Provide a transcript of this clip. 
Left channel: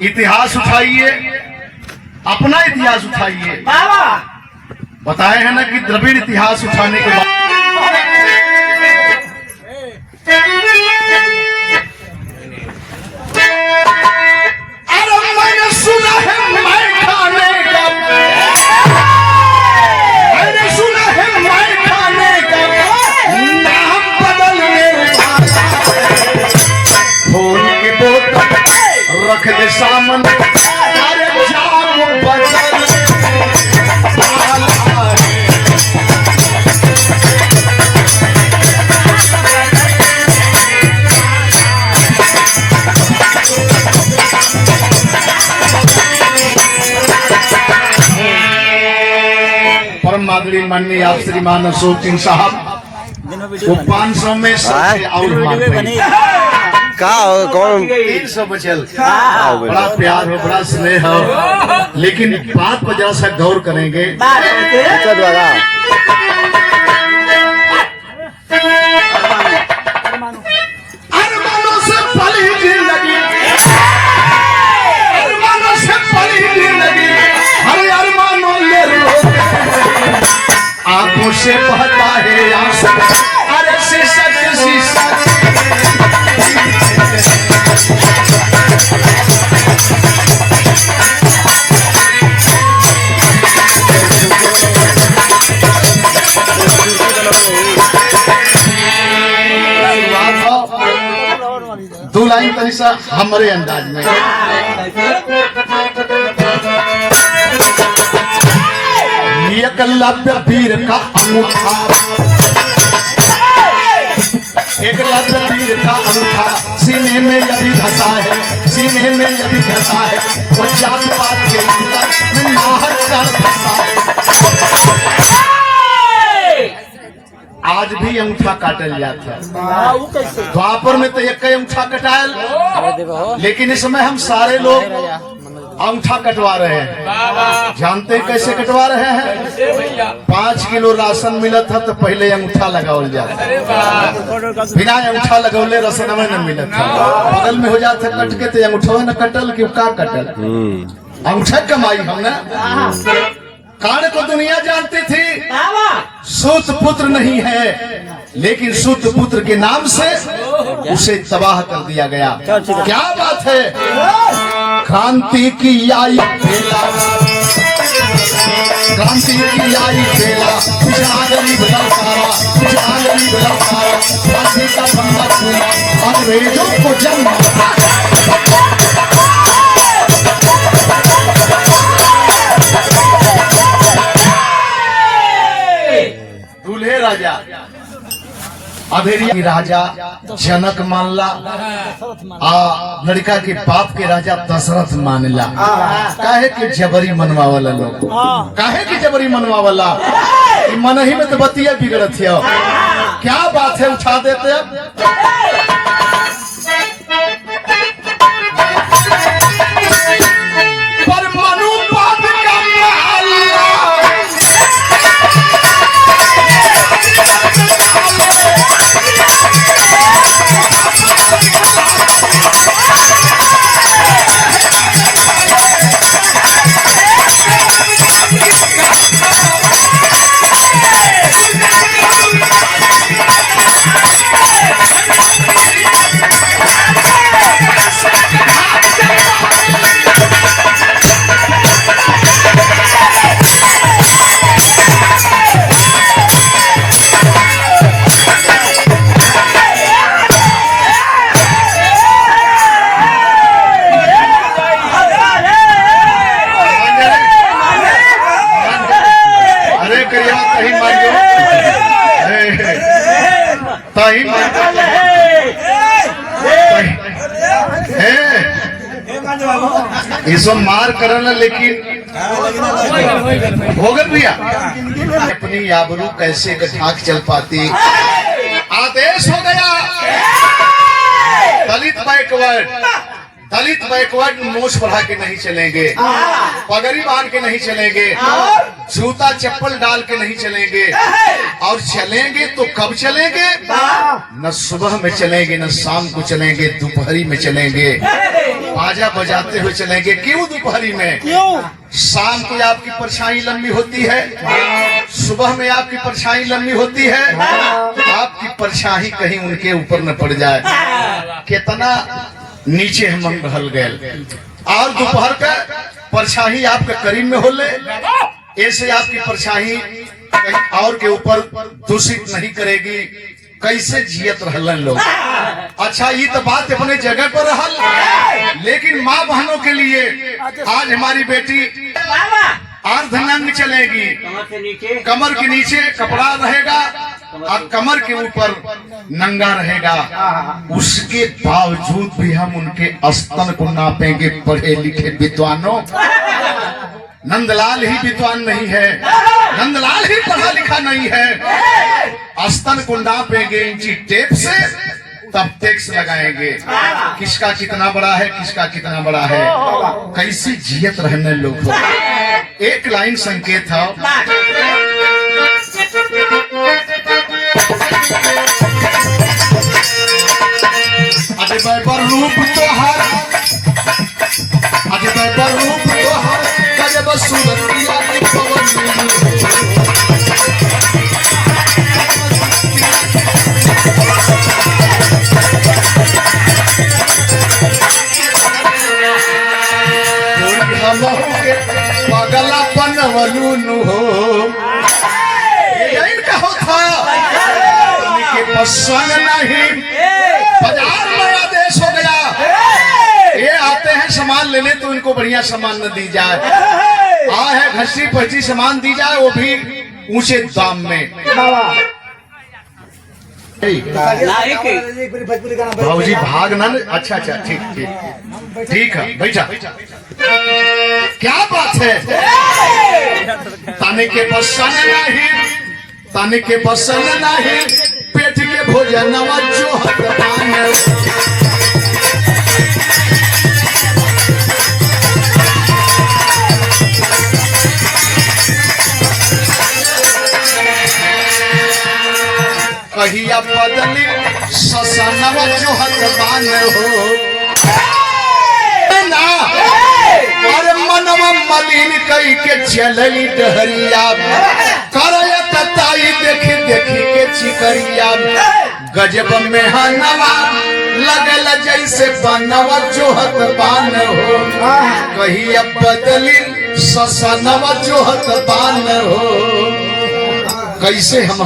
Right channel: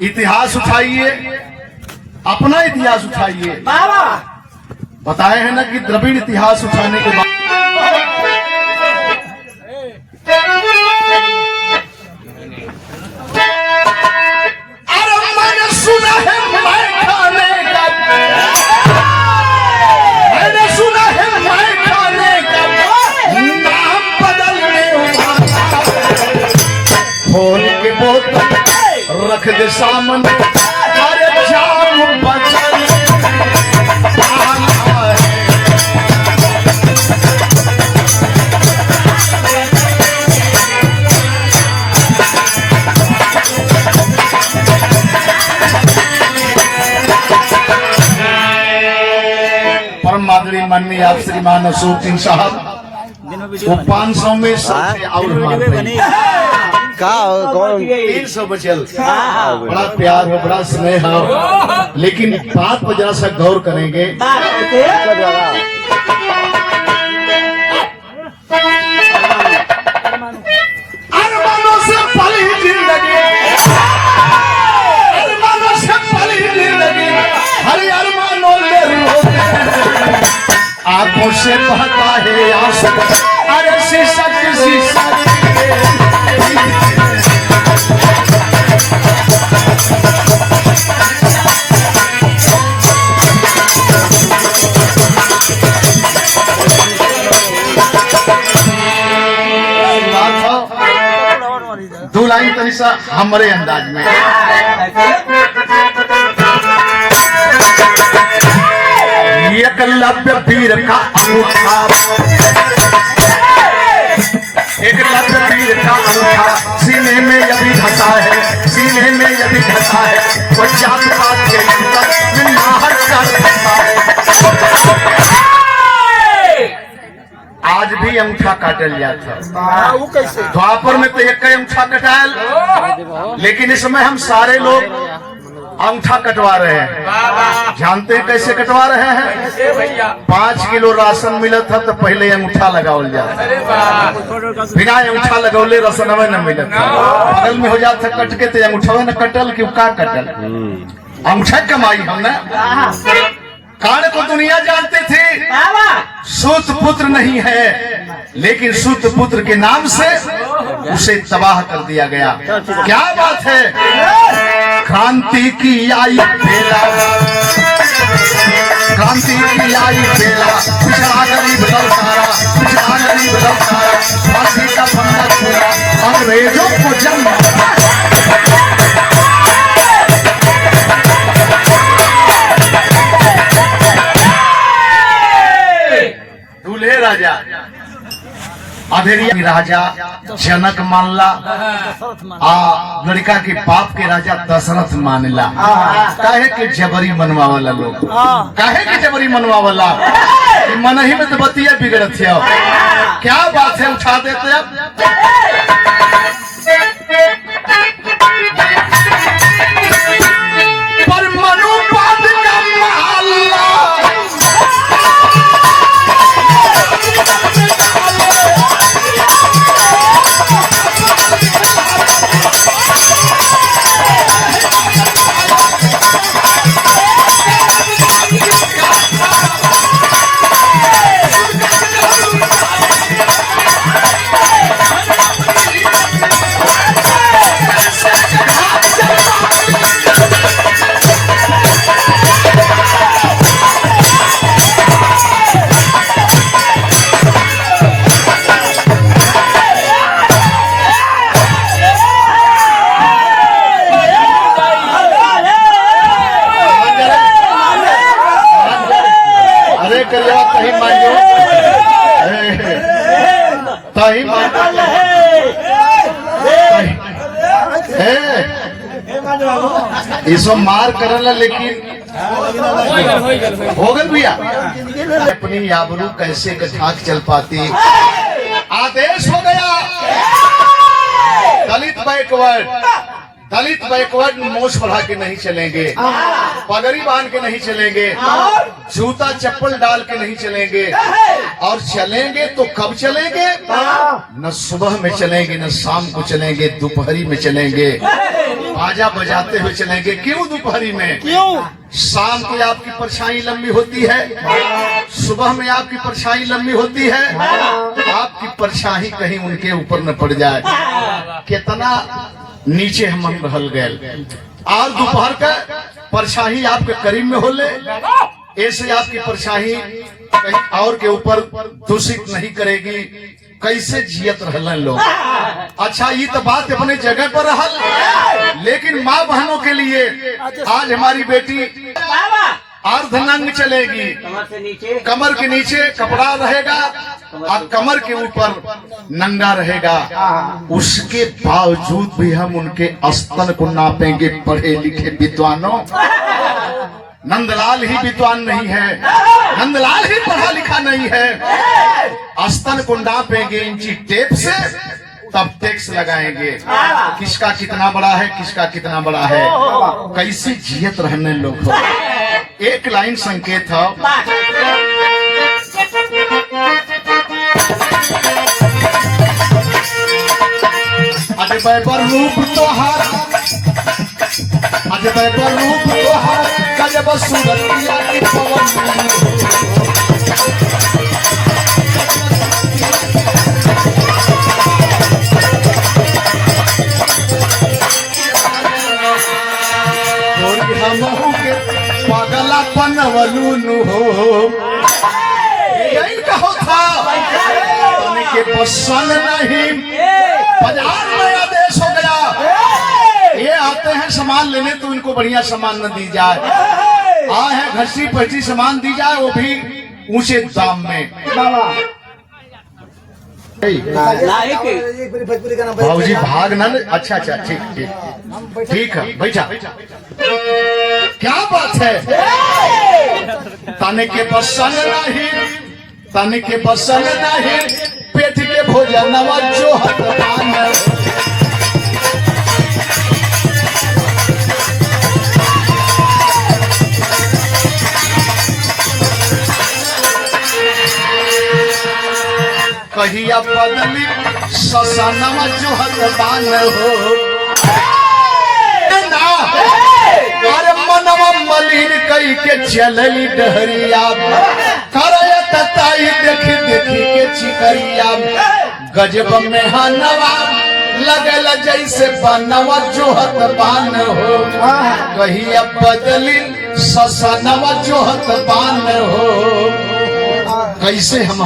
इतिहास उठाइए, अपना इतिहास उठाइए। बताए हैं ना कि द्रविड़ इतिहास उठाने के बाद मैंने सुना है मैं खाने का, मैंने सुना है मैं खाने का नाम बदलने वाला, खोल के बोतल रख दे सामने, अरे जाम बदल मादरी माननीय आप श्रीमान अशोक सिंह साहब वो 500 में से और मारते हैं कौन 300 बचल। बड़ा प्यार हो, बड़ा स्नेह हो, लेकिन बात पर जरा सा गौर करेंगे। अरमानों से पली जिंदगी, अरमानों से पली जिंदगी, हरे अरमानों ले आंखों से बहता है आंसू, अरे शीशा किसी दो लाइन तरीसा हमारे अंदाज में। एकलव्य वीर का अंगूठा, एकलव्य वीर का अंगूठा सीने में यदि धसा है, सीने में यदि धसा है तो जात पात के अंदर नाहर कर धसा है। आज भी अंगूठा काटल जाता है, द्वापर में तो एक अंगूठा कटायल, लेकिन इसमें हम सारे लोग अंगूठा कटवा रहे हैं। जानते हैं कैसे कटवा रहे हैं? 5 किलो राशन मिला था तो पहले अंगूठा लगावल जाता, बिना अंगूठा लगौले राशन न मिला था, बगल में हो जाता कट के तो अंगूठा न कटल क्यों का कटल, अंगूठा कमाई हमने। कान को दुनिया जानती थी सूत पुत्र नहीं है, लेकिन सूत पुत्र के नाम से उसे तबाह कर दिया गया। क्या बात है? क्रांति की आई बेला, क्रांति की आई बेला, पिछड़ा गरीब लड़ सारा, पिछड़ा गरीब लड़ सारा, फांसी का फंदा खोला, अंग्रेजों को जन्म दूल्हे राजा अधेरिया राजा जनक मानला, लड़का के बाप के राजा दशरथ मानला। काहे के जबरी मनवा वाला लोग, काहे के जबरी मनवा वाला, मन ही में तो बतिया बिगड़त है। क्या बात है, उठा देते अब इसो मार करना, लेकिन हो गल भैया अपनी आबरू कैसे कथाक चल पाती। आदेश हो गया दलित बैकवर्ड, दलित बैकवर्ड मोछ बढ़ा के नहीं चलेंगे, पगड़ी बांध के नहीं चलेंगे, जूता चप्पल डाल के नहीं चलेंगे, और चलेंगे तो कब चलेंगे? न सुबह में चलेंगे, न शाम को चलेंगे, दोपहरी में चलेंगे। बाजा बजाते हुए चलेंगे। क्यों दोपहरी में? क्यों? शाम को आपकी परछाई लंबी होती है, सुबह में आपकी परछाई लंबी होती है, आपकी परछाई कहीं उनके ऊपर न पड़ जाए। कितना नीचे हम रहल गए। और दोपहर का परछाई आपके करीब में होले, ऐसे आपकी परछाई कहीं और के ऊपर दूषित नहीं करेगी। कैसे जियत रहलन लोग। अच्छा, ये तो बात अपने जगह पर रहल, लेकिन माँ बहनों के लिए आज हमारी बेटी अर्धनंग चलेगी। कमर के नीचे कपड़ा रहेगा और कमर के ऊपर नंगा रहेगा। उसके बावजूद भी हम उनके स्तन को नापेंगे। पढ़े लिखे विद्वानों, नंदलाल ही विद्वान नहीं है, नंदलाल ही पढ़ा लिखा नहीं है। स्तन को नापेंगे इंची टेप से, तब टैक्स लगाएंगे किसका कितना बड़ा है, किसका कितना बड़ा है। कैसे जियत रहने लोग हो। एक लाइन संकेत है, अरे बैपर रूप तोहार, अरे बैपर रूप तोहार, गजब सूरतिया की पवन। पागला पनवलून हो इनका होता के पसंद नहीं। बाजार नया देश हो गया, ये आते हैं सामान लेने तो इनको बढ़िया सामान न दी जाए। है घसी पची सामान दी जाए, वो भी ऊंचे दाम में। भाजी भाग ना। अच्छा अच्छा, ठीक ठीक ठीक है, बैठा। क्या बात है। तने के पसंद नहीं, तने के पसंद नहीं, पेट के भोजन जो हकदान। कहिया बदली ससनवा जो हकदान हो ना। अरे मनवा मलिन कई के चलली डहरिया, करत ताई देखी देखी के चिकरिया। गजब में हनवा लगल जैसे बनवा जो हकदान हो। कहिया बदली ससनवा जो हकदान हो। कैसे हम